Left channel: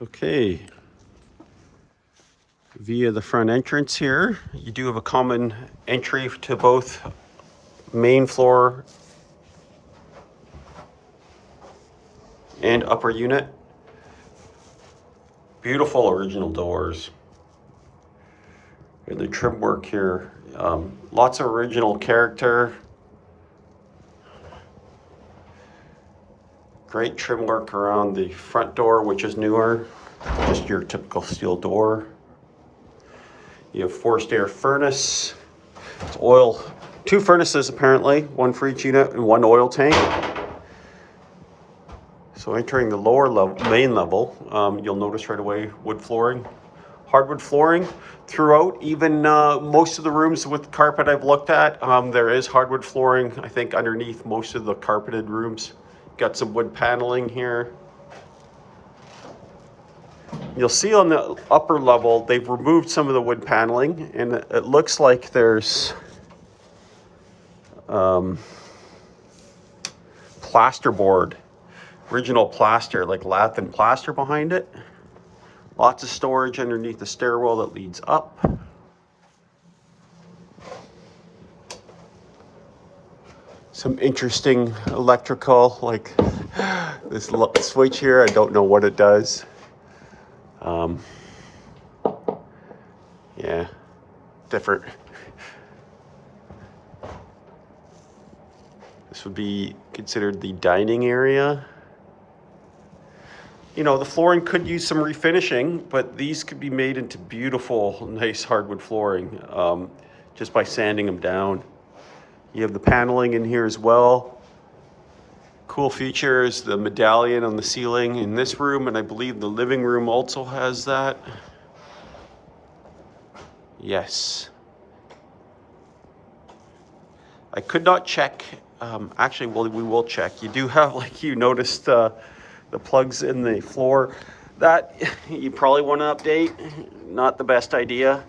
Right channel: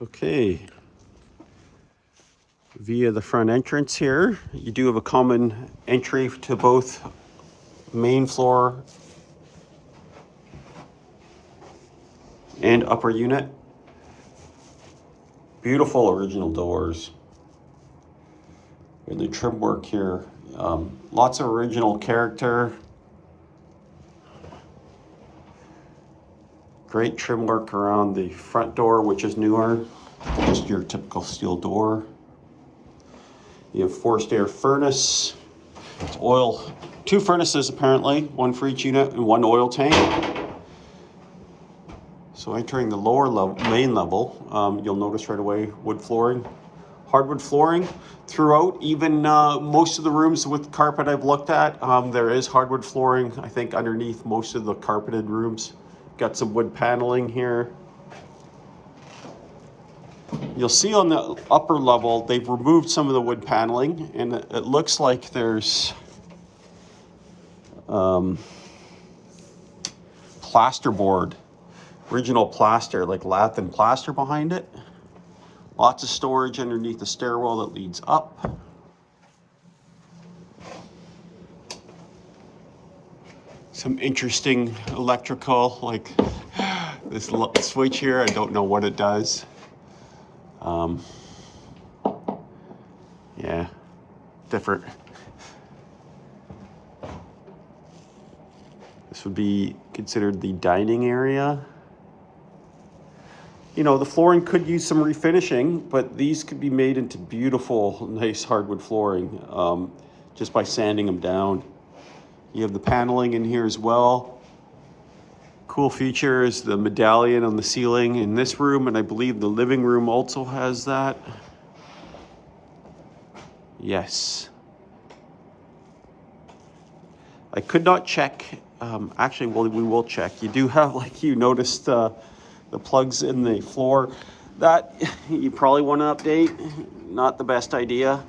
Okay, via the front entrance here, you do have a common entry to both main floor and upper unit. Beautiful original doors. And the trim work here, lots of original character. Great trim work around the front door, which is newer, just your typical steel door. You have forced air furnace. It's oil, two furnaces apparently, one for each unit and one oil tank. So entering the lower level, main level, you'll notice right away wood flooring, hardwood flooring throughout. Even most of the rooms with carpet I've looked at, there is hardwood flooring. I think underneath most of the carpeted rooms. Got some wood paneling here. You'll see on the upper level, they've removed some of the wood paneling, and it looks like there's plasterboard, original plaster, like lath and plaster behind it. Lots of storage underneath the stairwell that leads up. Some interesting electrical, like this switch here. I don't know what it does. Yeah, different. This would be considered the dining area. You know, the flooring could use some refinishing, but these could be made into beautiful, nice hardwood flooring just by sanding them down. You have the paneling in here as well. Cool feature is the medallion on the ceiling in this room, and I believe the living room also has that. Yes. I could not check. Actually, well, we will check. You do have, like you noticed, the plugs in the floor. That you probably want to update. Not the best idea.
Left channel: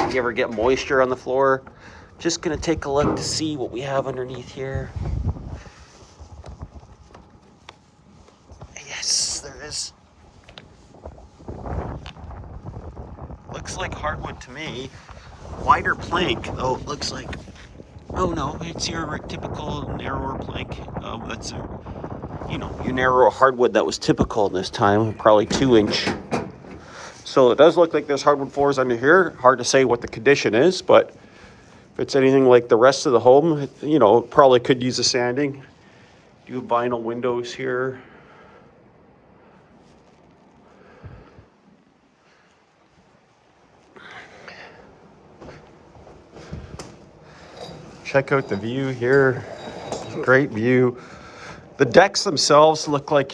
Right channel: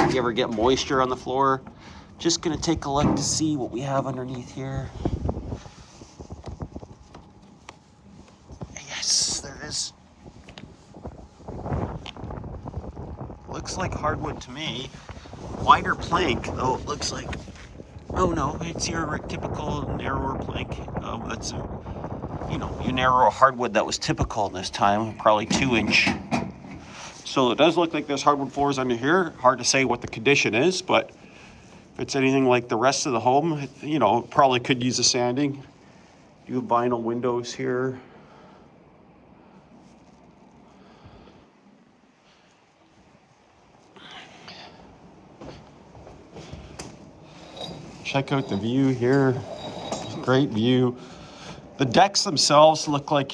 If you ever get moisture on the floor, just gonna take a look to see what we have underneath here. Yes, there is. Looks like hardwood to me. Wider plank. Oh, it looks like. Oh no, it's your typical narrower plank. That's your narrow hardwood that was typical this time, probably 2-inch. So it does look like there's hardwood floors under here. Hard to say what the condition is, but if it's anything like the rest of the home, probably could use a sanding. Do vinyl windows here. Check out the view here. Great view. The decks themselves look like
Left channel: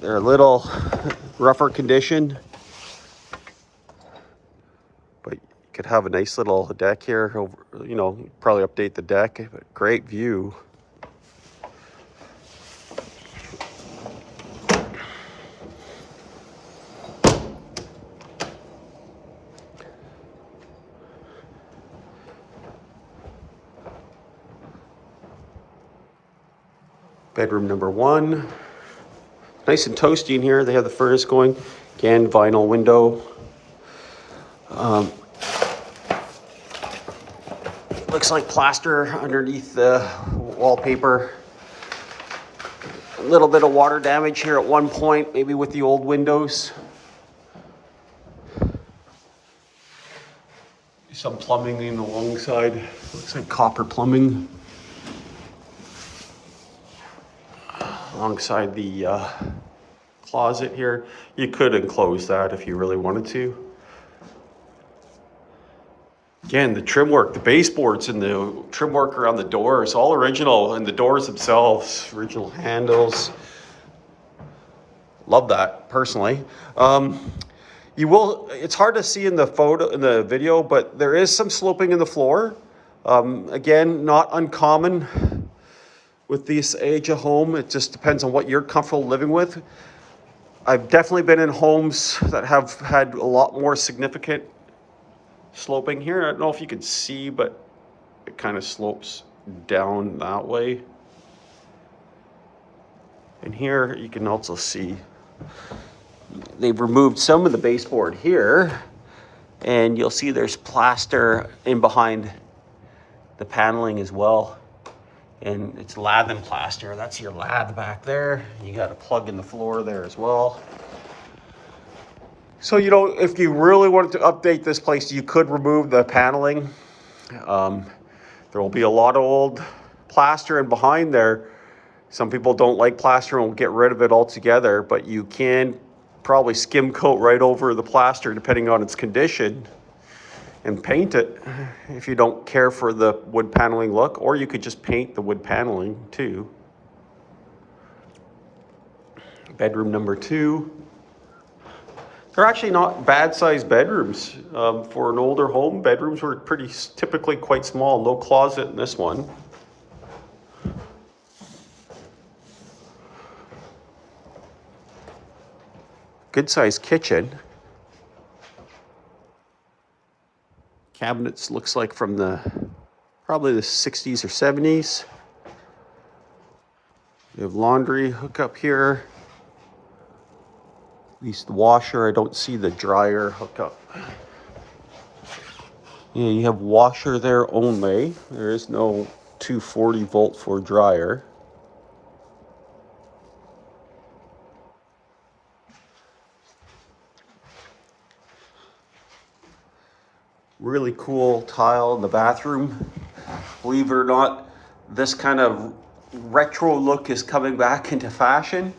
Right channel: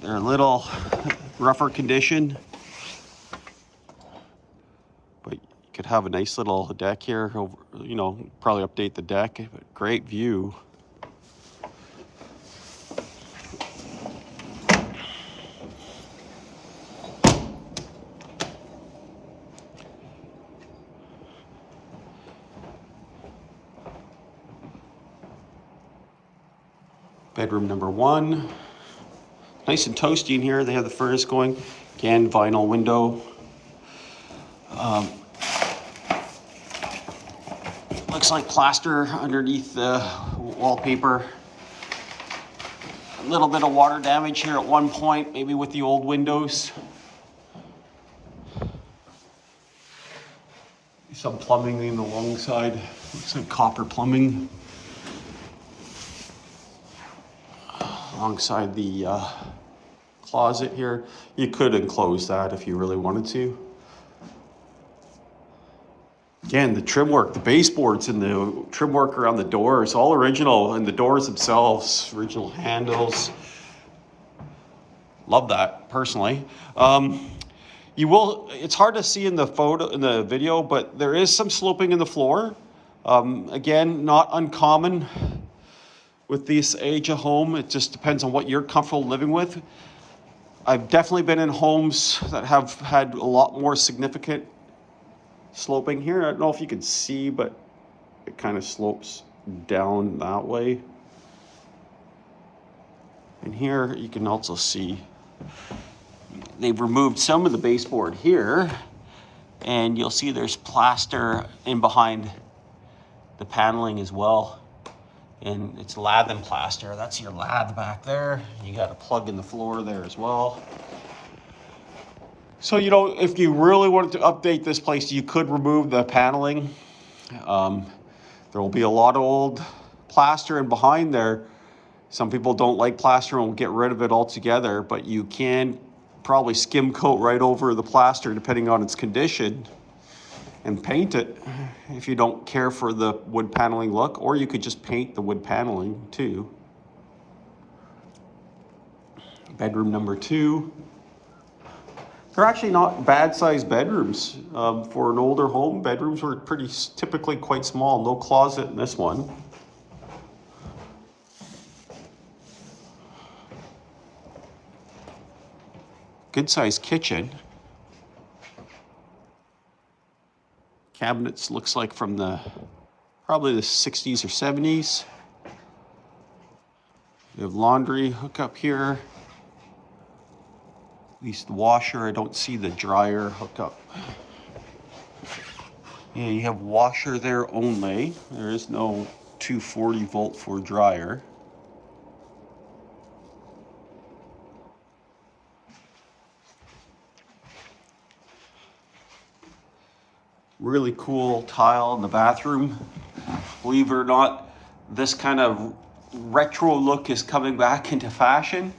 they're a little rougher condition, but you could have a nice little deck here. Probably update the deck, but great view. Bedroom number 1. Nice and toasty in here. They have the furnace going. Again, vinyl window. Looks like plaster underneath the wallpaper. A little bit of water damage here at one point, maybe with the old windows. Some plumbing in the long side. Looks like copper plumbing. Alongside the closet here. You could enclose that if you really wanted to. Again, the trim work, the baseboards and the trim work around the doors, all original, and the doors themselves, original handles. Love that, personally. It's hard to see in the video, but there is some sloping in the floor. Again, not uncommon with this age of home. It just depends on what you're comfortable living with. I've definitely been in homes that have had a lot more significant sloping here. I don't know if you can see, but it kind of slopes down that way. And here you can also see they've removed some of the baseboard here, and you'll see there's plaster in behind the paneling as well. And it's lath and plaster. That's your lath back there. You got a plug in the floor there as well. So, you know, if you really wanted to update this place, you could remove the paneling. There will be a lot of old plaster in behind there. Some people don't like plaster and will get rid of it altogether, but you can probably skim coat right over the plaster depending on its condition and paint it if you don't care for the wood paneling look, or you could just paint the wood paneling too. Bedroom number 2. They're actually not bad sized bedrooms. For an older home, bedrooms were typically quite small. No closet in this one. Good sized kitchen. Cabinets looks like from probably the 60s or 70s. You have laundry hookup here. At least the washer. I don't see the dryer hookup. Yeah, you have washer there only. There is no 240 volt for dryer. Really cool tile in the bathroom. Believe it or not, this kind of retro look is coming back into fashion.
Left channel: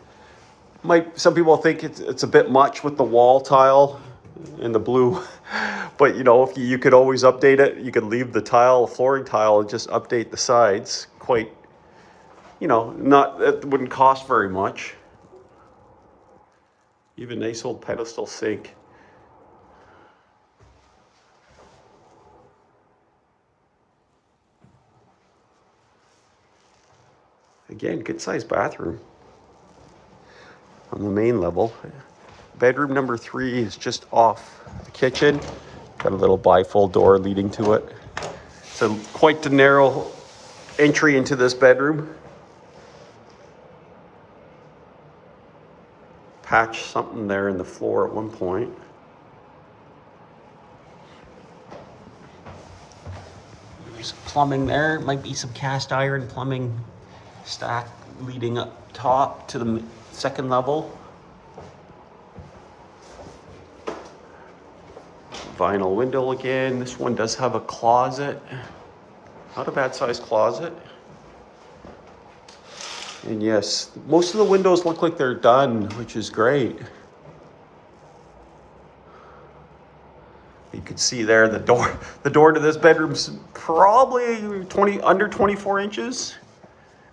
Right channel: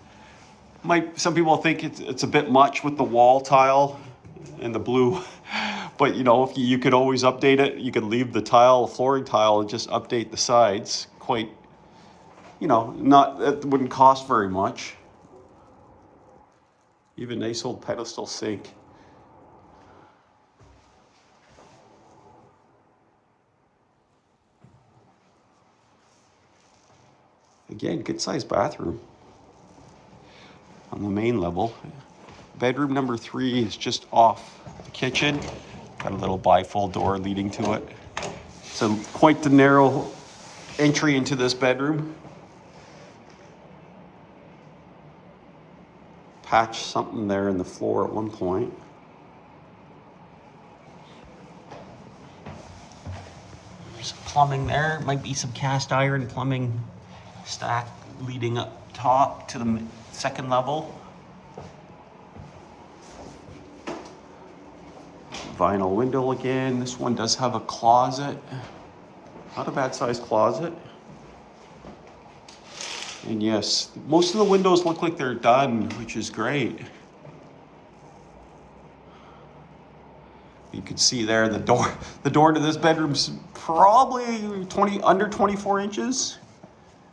Some people think it's a bit much with the wall tile and the blue, but you know, if you could always update it. You could leave the tile, flooring tile, and just update the sides. Quite, you know, it wouldn't cost very much. Even nice old pedestal sink. Again, good sized bathroom on the main level. Bedroom number 3 is just off the kitchen. Got a little bifold door leading to it. So quite the narrow entry into this bedroom. Patched something there in the floor at one point. There's plumbing there. Might be some cast iron plumbing stack leading up top to the second level. Vinyl window again. This one does have a closet. Not a bad sized closet. And yes, most of the windows look like they're done, which is great. You can see there the door to this bedroom's probably under 24 inches.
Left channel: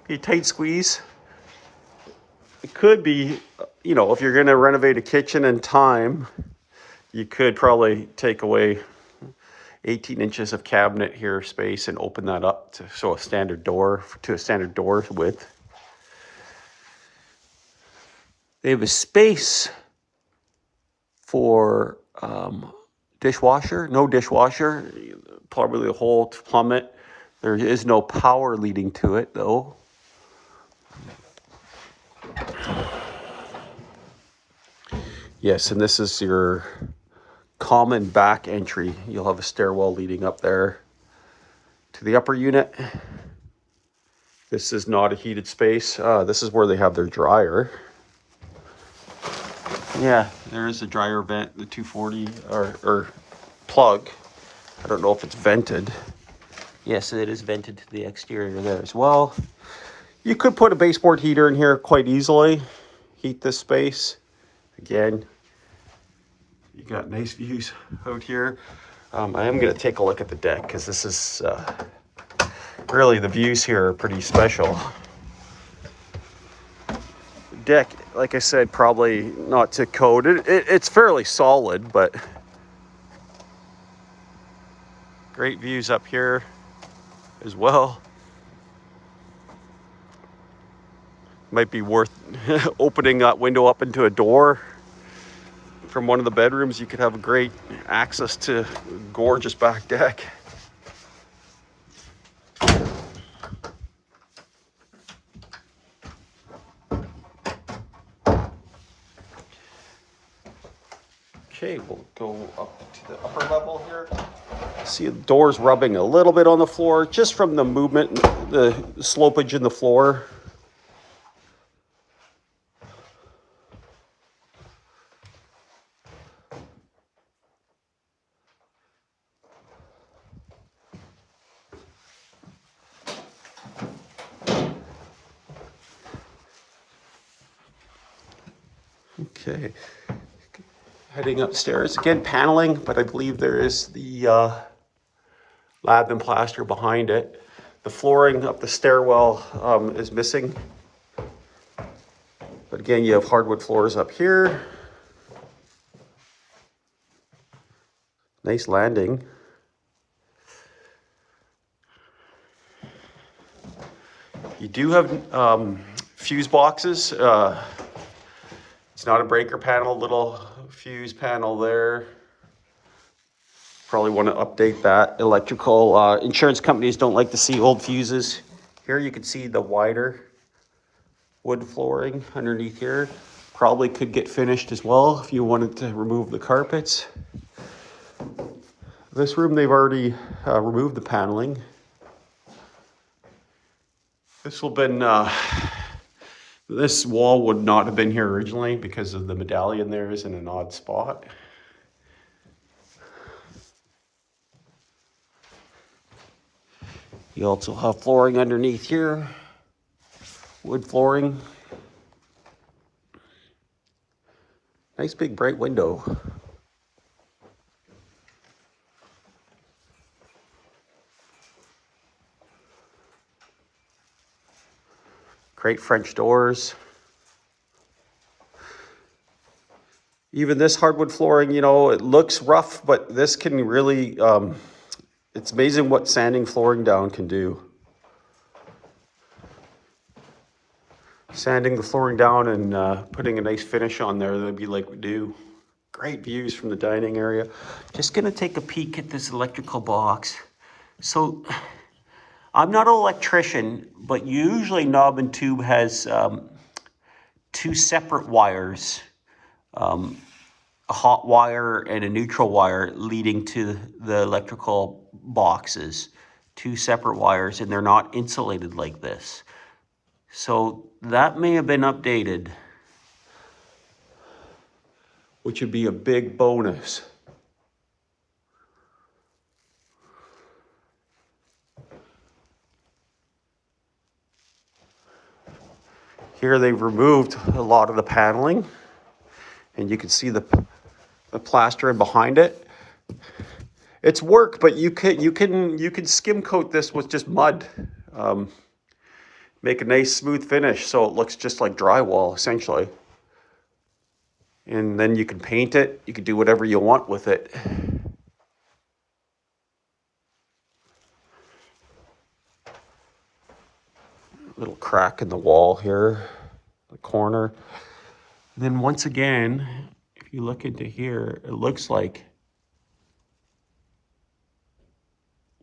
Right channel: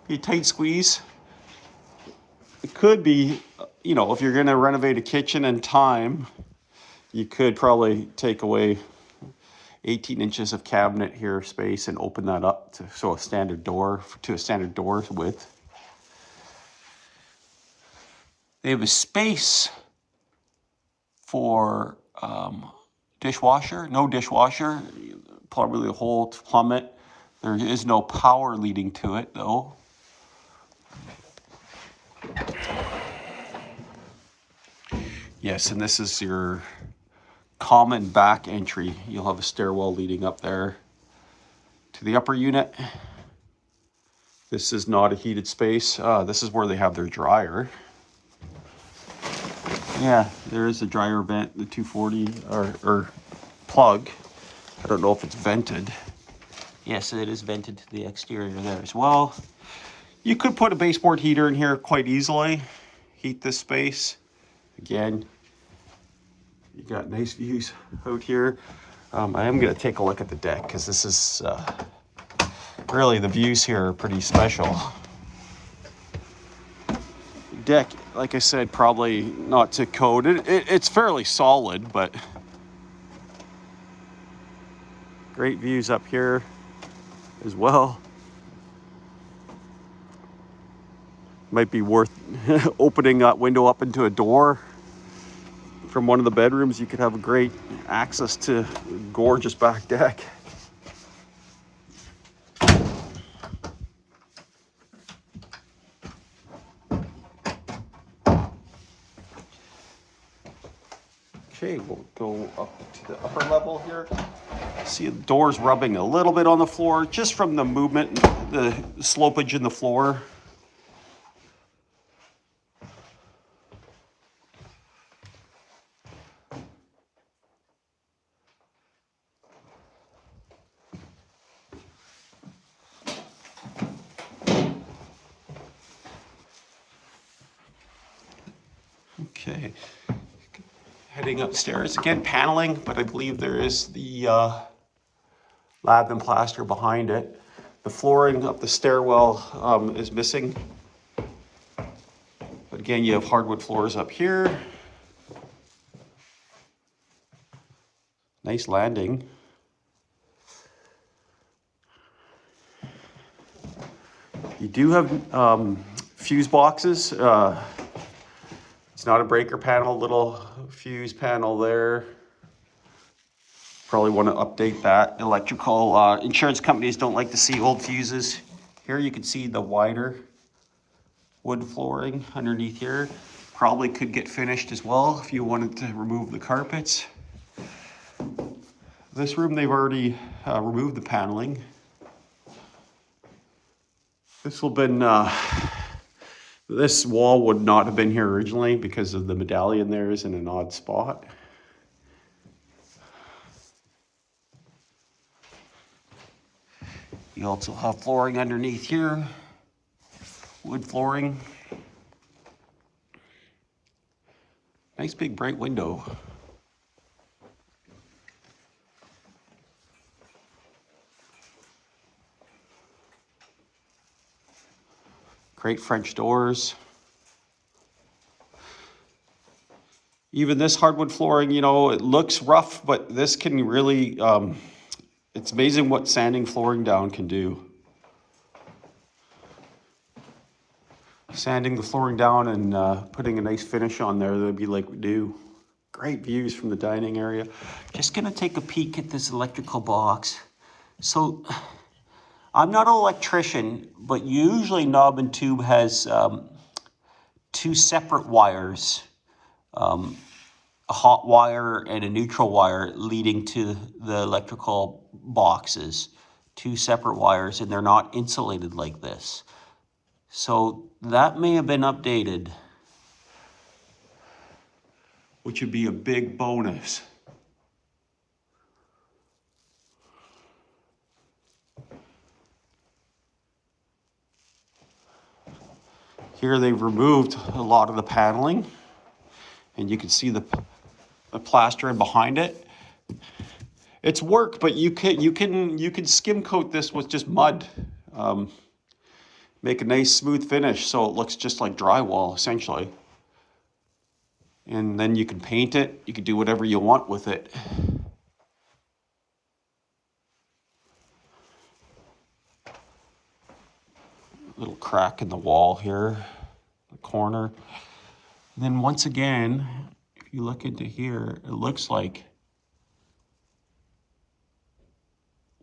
Be a tight squeeze. It could be, you know, if you're going to renovate a kitchen in time, you could probably take away 18 inches of cabinet here space and open that up to a standard door width. They have a space for dishwasher, no dishwasher, probably a hole to plumb it. There is no power leading to it though. Yes, and this is your common back entry. You'll have a stairwell leading up there to the upper unit. This is not a heated space. This is where they have their dryer. Yeah, there is a dryer vent, the 240 or plug. I don't know if it's vented. Yes, it is vented to the exterior there as well. You could put a baseboard heater in here quite easily. Heat this space. Again, you got nice views out here. I am going to take a look at the deck because this is really, the views here are pretty special. Deck, like I said, probably not to code. It's fairly solid, but great views up here as well. Might be worth opening that window up into a door from one of the bedrooms. You could have great access to gorgeous back deck. Okay, we'll go up to the upper level here. See the doors rubbing a little bit on the floor just from the movement, the slopage in the floor. Okay, heading upstairs again, paneling, but I believe there is the lab and plaster behind it. The flooring up the stairwell is missing. But again, you have hardwood floors up here. Nice landing. You do have fuse boxes. It's not a breaker panel, little fuse panel there. Probably want to update that. Electrical insurance companies don't like to see old fuses. Here you can see the wider wood flooring underneath here. Probably could get finished as well if you wanted to remove the carpets. This room, they've already removed the paneling. This will been, this wall would not have been here originally because of the medallion there is in an odd spot. You also have flooring underneath here, wood flooring. Nice big bright window. Great French doors. Even this hardwood flooring, you know, it looks rough, but this can really, it's amazing what sanding flooring down can do. Sanding the flooring down and putting a nice finish on there, that'd be like we do. Great views from the dining area. Just gonna take a peek at this electrical box. So, I'm not an electrician, but usually knob and tube has two separate wires, a hot wire and a neutral wire leading to the electrical boxes. Two separate wires, and they're not insulated like this. So that may have been updated, which would be a big bonus. Here they've removed a lot of the paneling, and you can see the plastering behind it. It's work, but you can skim coat this with just mud. Make a nice smooth finish so it looks just like drywall essentially. And then you can paint it. You can do whatever you want with it. Little crack in the wall here, the corner. And then once again, if you look into here, it looks like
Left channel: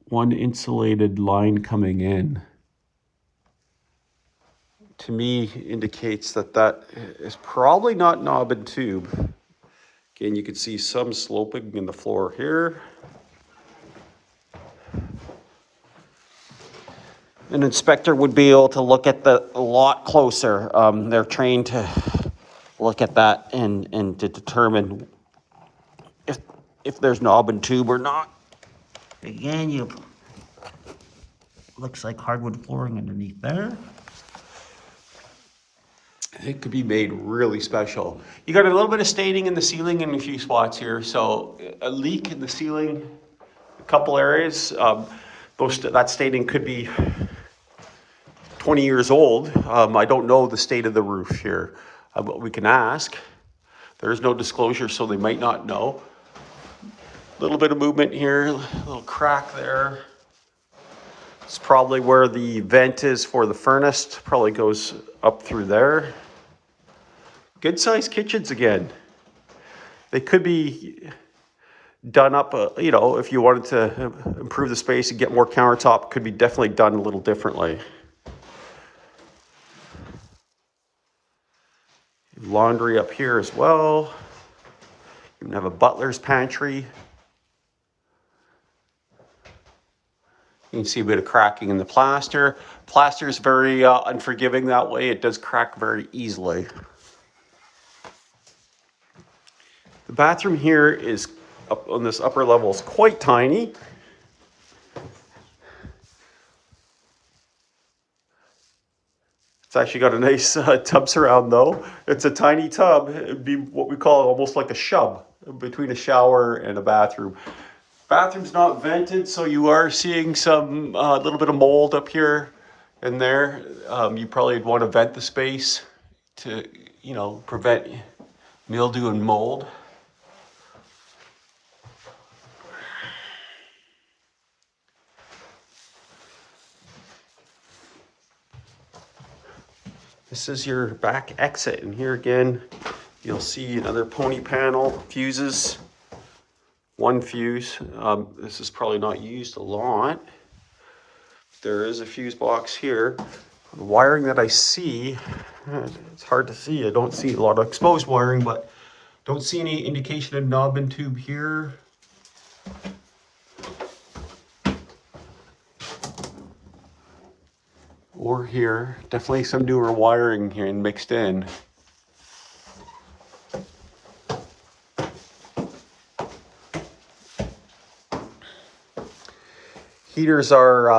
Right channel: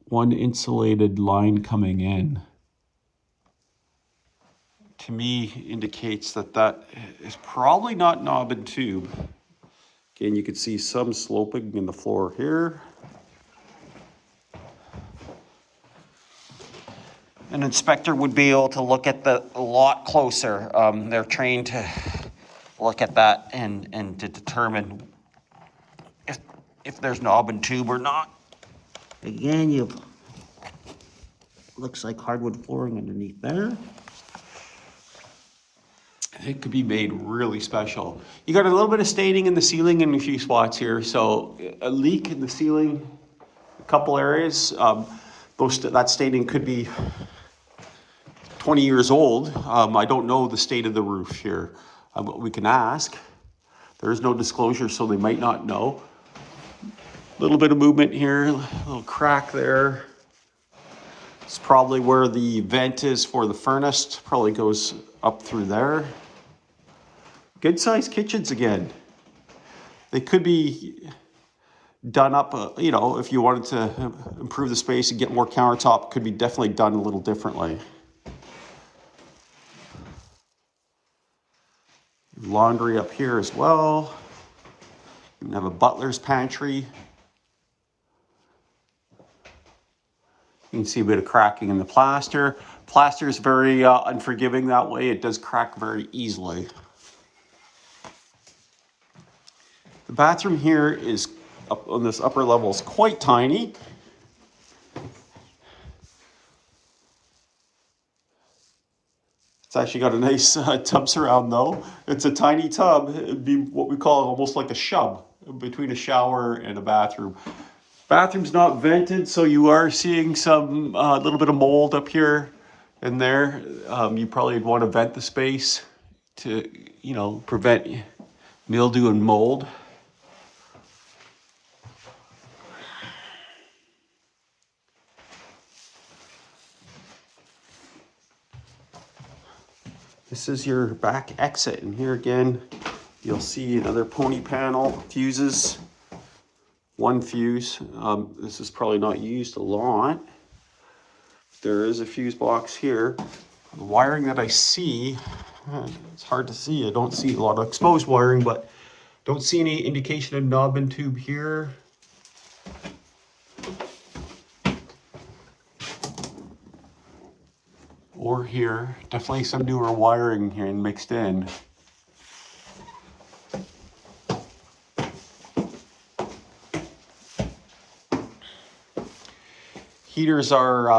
one insulated line coming in. To me, indicates that that is probably not knob and tube. Again, you can see some sloping in the floor here. An inspector would be able to look at the a lot closer. They're trained to look at that and to determine if there's knob and tube or not. Again, you looks like hardwood flooring underneath there. It could be made really special. You got a little bit of staining in the ceiling in a few spots here. So a leak in the ceiling, a couple areas. That staining could be 20 years old. I don't know the state of the roof here, but we can ask. There is no disclosure, so they might not know. A little bit of movement here, a little crack there. It's probably where the vent is for the furnace. Probably goes up through there. Good sized kitchens again. They could be done up, you know, if you wanted to improve the space and get more countertop, could be definitely done a little differently. Laundry up here as well. You have a butler's pantry. You can see a bit of cracking in the plaster. Plaster is very unforgiving that way. It does crack very easily. The bathroom here is up on this upper level is quite tiny. It's actually got a nice tub surround though. It's a tiny tub. It'd be what we call almost like a shub between a shower and a bathroom. Bathroom's not vented, so you are seeing some little bit of mold up here and there. You probably want to vent the space to, you know, prevent mildew and mold. This is your back exit, and here again, you'll see another pony panel, fuses, one fuse. This is probably not used a lot. There is a fuse box here. The wiring that I see, it's hard to see. I don't see a lot of exposed wiring, but don't see any indication of knob and tube here. Or here. Definitely some newer wiring here and mixed in. Heaters are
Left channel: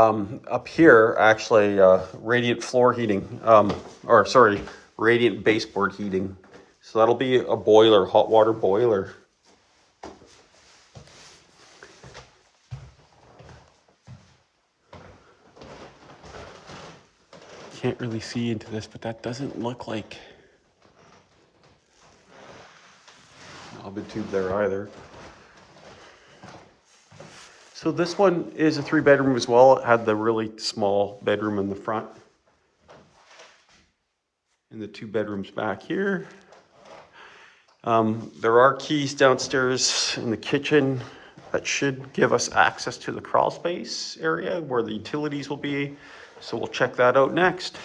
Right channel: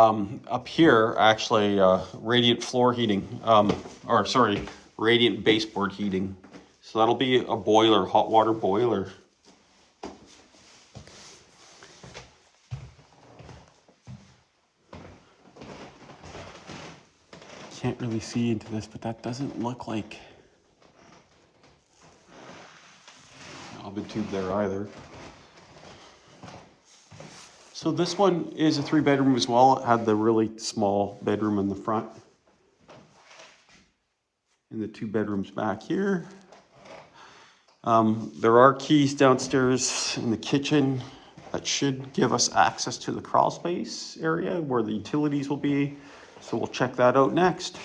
up here, actually, radiant floor heating, radiant baseboard heating. So that'll be a boiler, hot water boiler. Can't really see into this, but that doesn't look like a tube there either. So this one is a 3-bedroom as well. It had the really small bedroom in the front. And the 2 bedrooms back here. There are keys downstairs in the kitchen that should give us access to the crawl space area where the utilities will be. So we'll check that out next.